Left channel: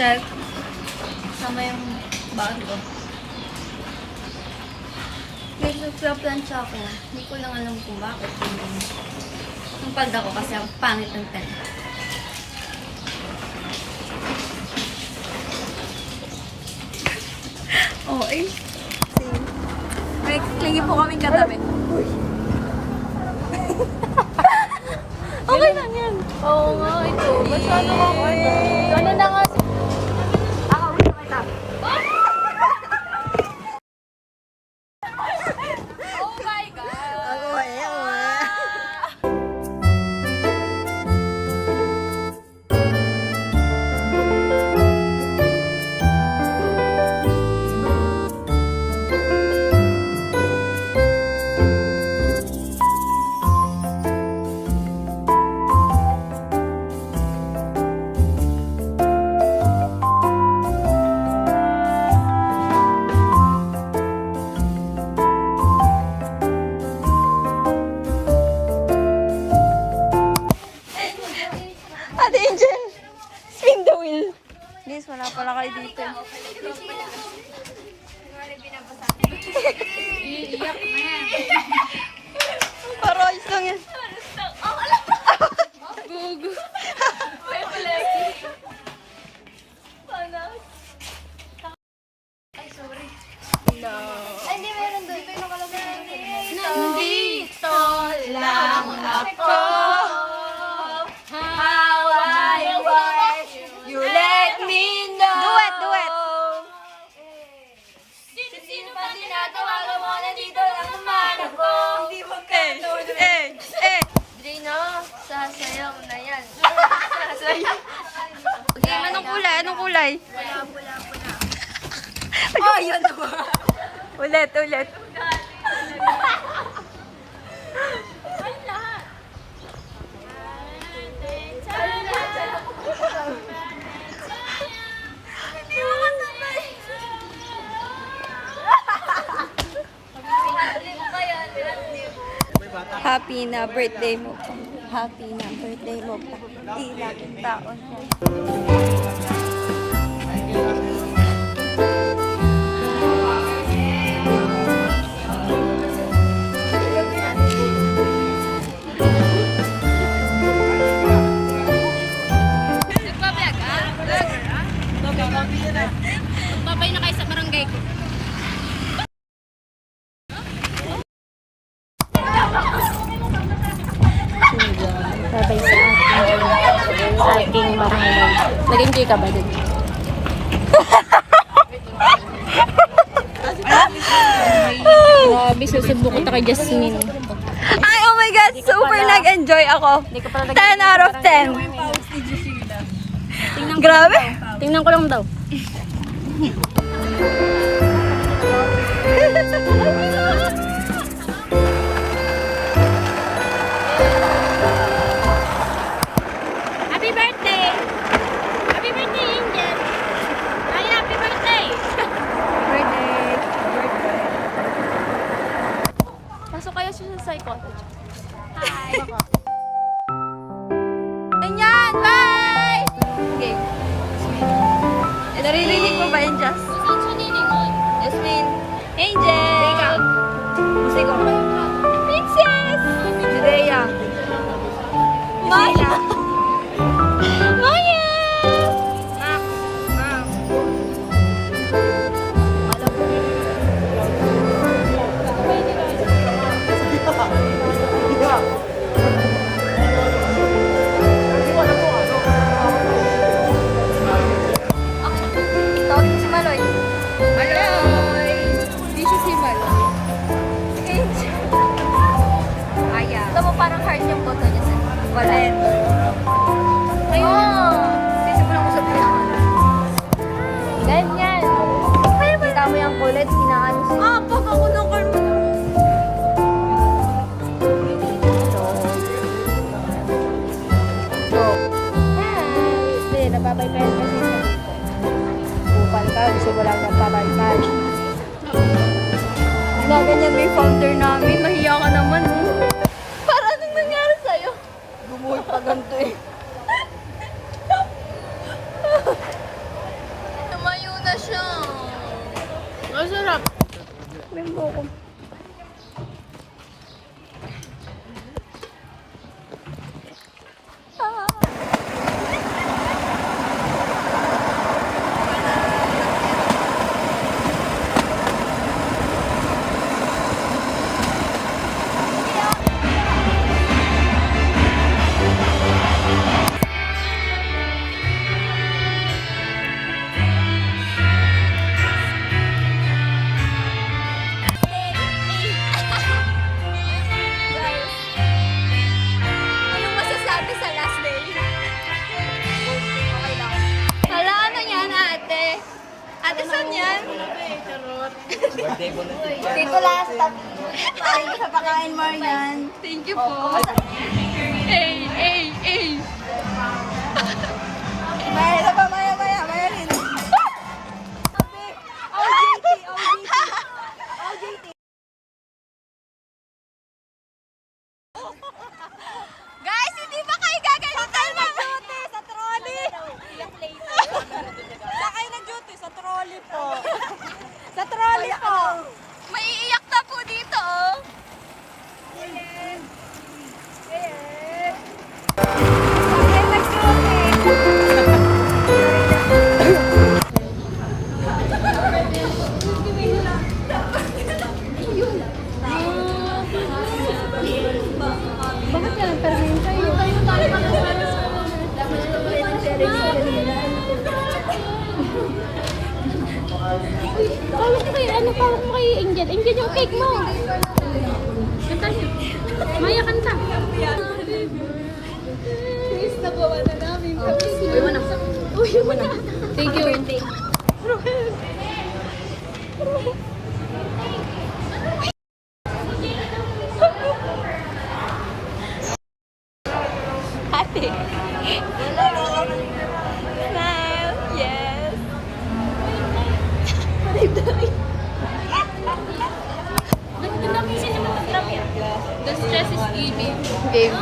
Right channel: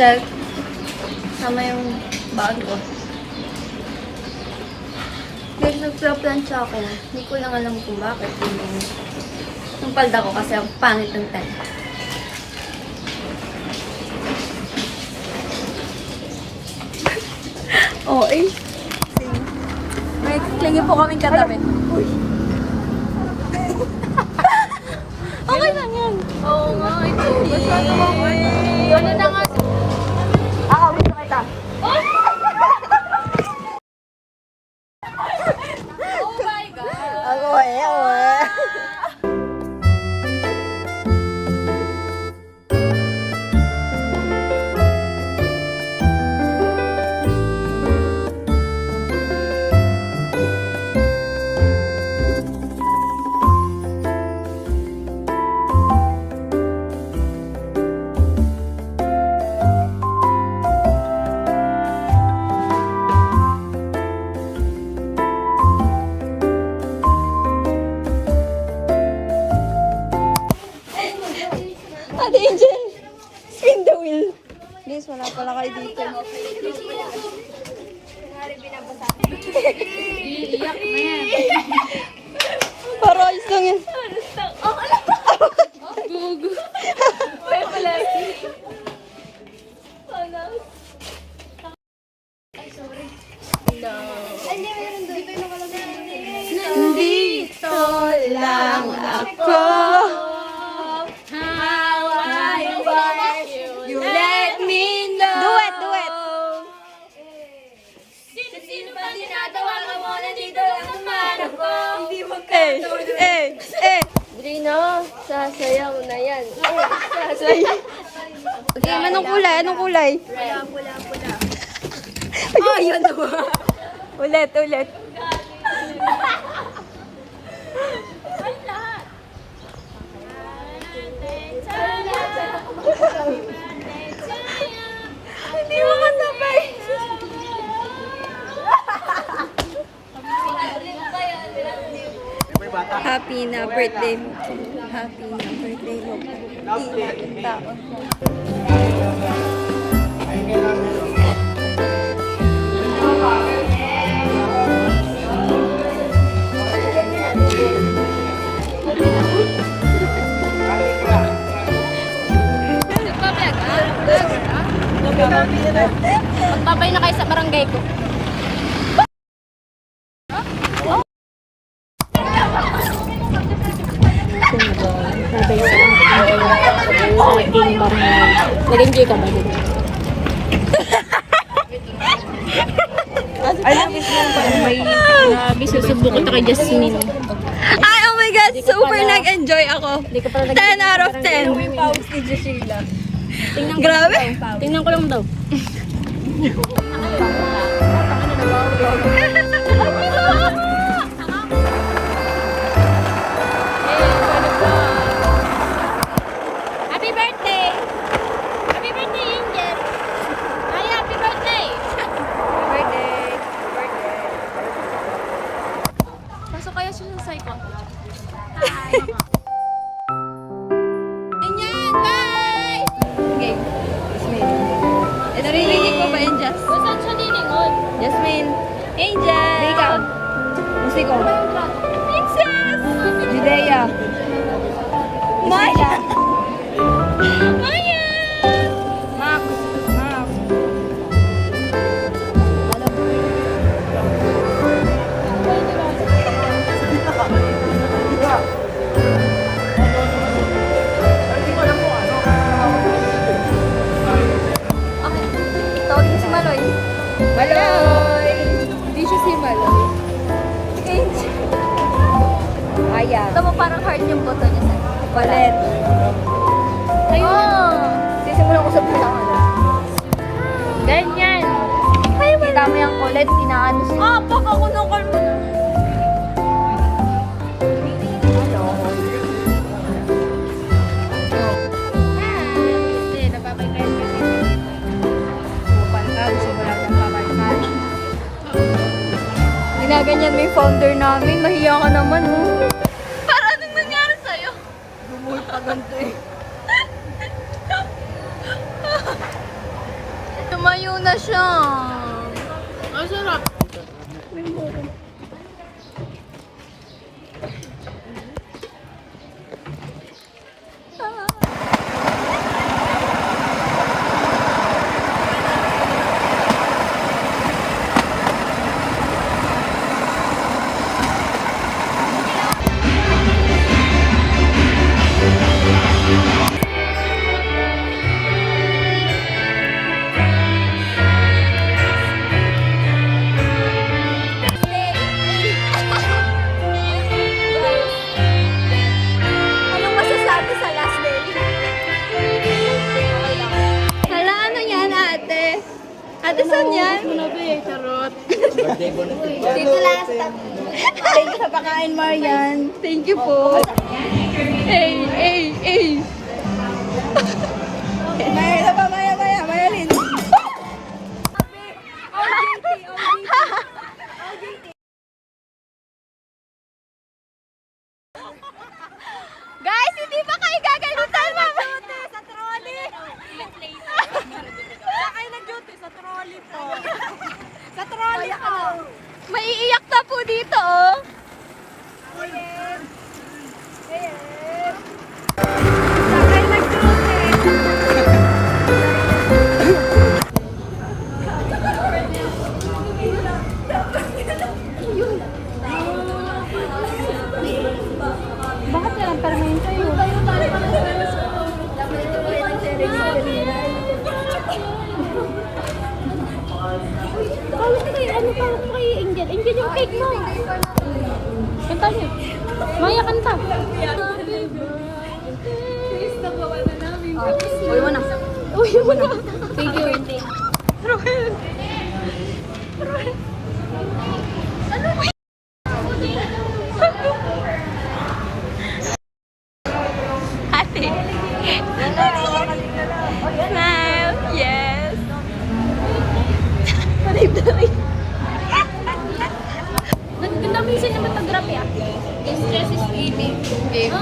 shelf. Sama yung bag ko. Guys, nagplaplansya ako. Hindi ko lang alam kung bakit. Yung palda ko kasi ang pangit ng tent. Oh, eh. May klingi po kaming katabi. Okay lang yan. Oo nga, it's okay. Ano na nga? Ako, gusto kita. Oh my God! Ako, Ate Angel, spin the wheel. Guys, wala pala kayo dito. Iiyak na yan. Para ayos lang yan. Gugu. Ay, pala. Ay, sorry. No. Ay, hindi, meron doon. Dito yung nakalagay. Nandito lang ako. Sasayaw na yan. Sasayaw. Okay, anong kulay? Anong kulay? Pula. Oh, yun na ba? Ulit. Hindi mo kasabay. Happy na birthday mo po. Happy na birthday mo po. Ilang taon yan. Magpapay na kayo sa barangay ko. Sabay sa aking barangay. Nag-enjoy ka ba din? Grabe, susubok ko kay Jasmine. Ay, oh my God! Super nag-enjoy ako. 10 out of 10. Grabe! Tingnan ko lang daw. Happy birthday! Happy birthday, Angel! Ay, happy birthday! Happy birthday! Pasok kayo sa psycho. Hi! Ganyan! Bye! Okay. Naririnig mo ba yun, Jas? Saan siya nilingon? Jasmine. Angel! Ikaw. Musiko. Pixas! Judea. Maya! Maya! Tawagin si Maloy. Maloy! Hindi siya si Maloy. Angel. Ayan. Ito mo parang heart yung boto niya sa Colette. Ayun na. Sisimulan ko sa pila. Ganyan. Kita mo yung Colette, inaano siya. Ah, pag ako ng karmo na. Hindi, napapay kayo kasi. Bukal ka, simula ng pakalman. Ginaganyan may folder namin. Mahiya ka naman, oh. Para anong nangyari sa'yo? Gumuhol pa ganito eh. Ang sarap. Limbo ko. Anong masasabi sa last day? Okay lang. Hala, ano yan, ate? Ate, saan yan? Dito last stop. Thank you sa pakain, Marian. Thank you po. Hey. Maya pa, Maya rin. Guys, hindi ba kayo gagalitan, mama? Sa trolley. Saan kayo nag-duty? Sa trolley po. Sa trolley po. May iiyak na po dito, oh. Saan kayo nag-duty? Ano pa mo kay Angel? Angel yung cake mo. Kanta niya. Maya, kanta. Please na po, ano namin. Uy mo na. Thank you. Roel. Ate. Smile. Yes. Ganda ko yung cinematography. The stress is eating. Game.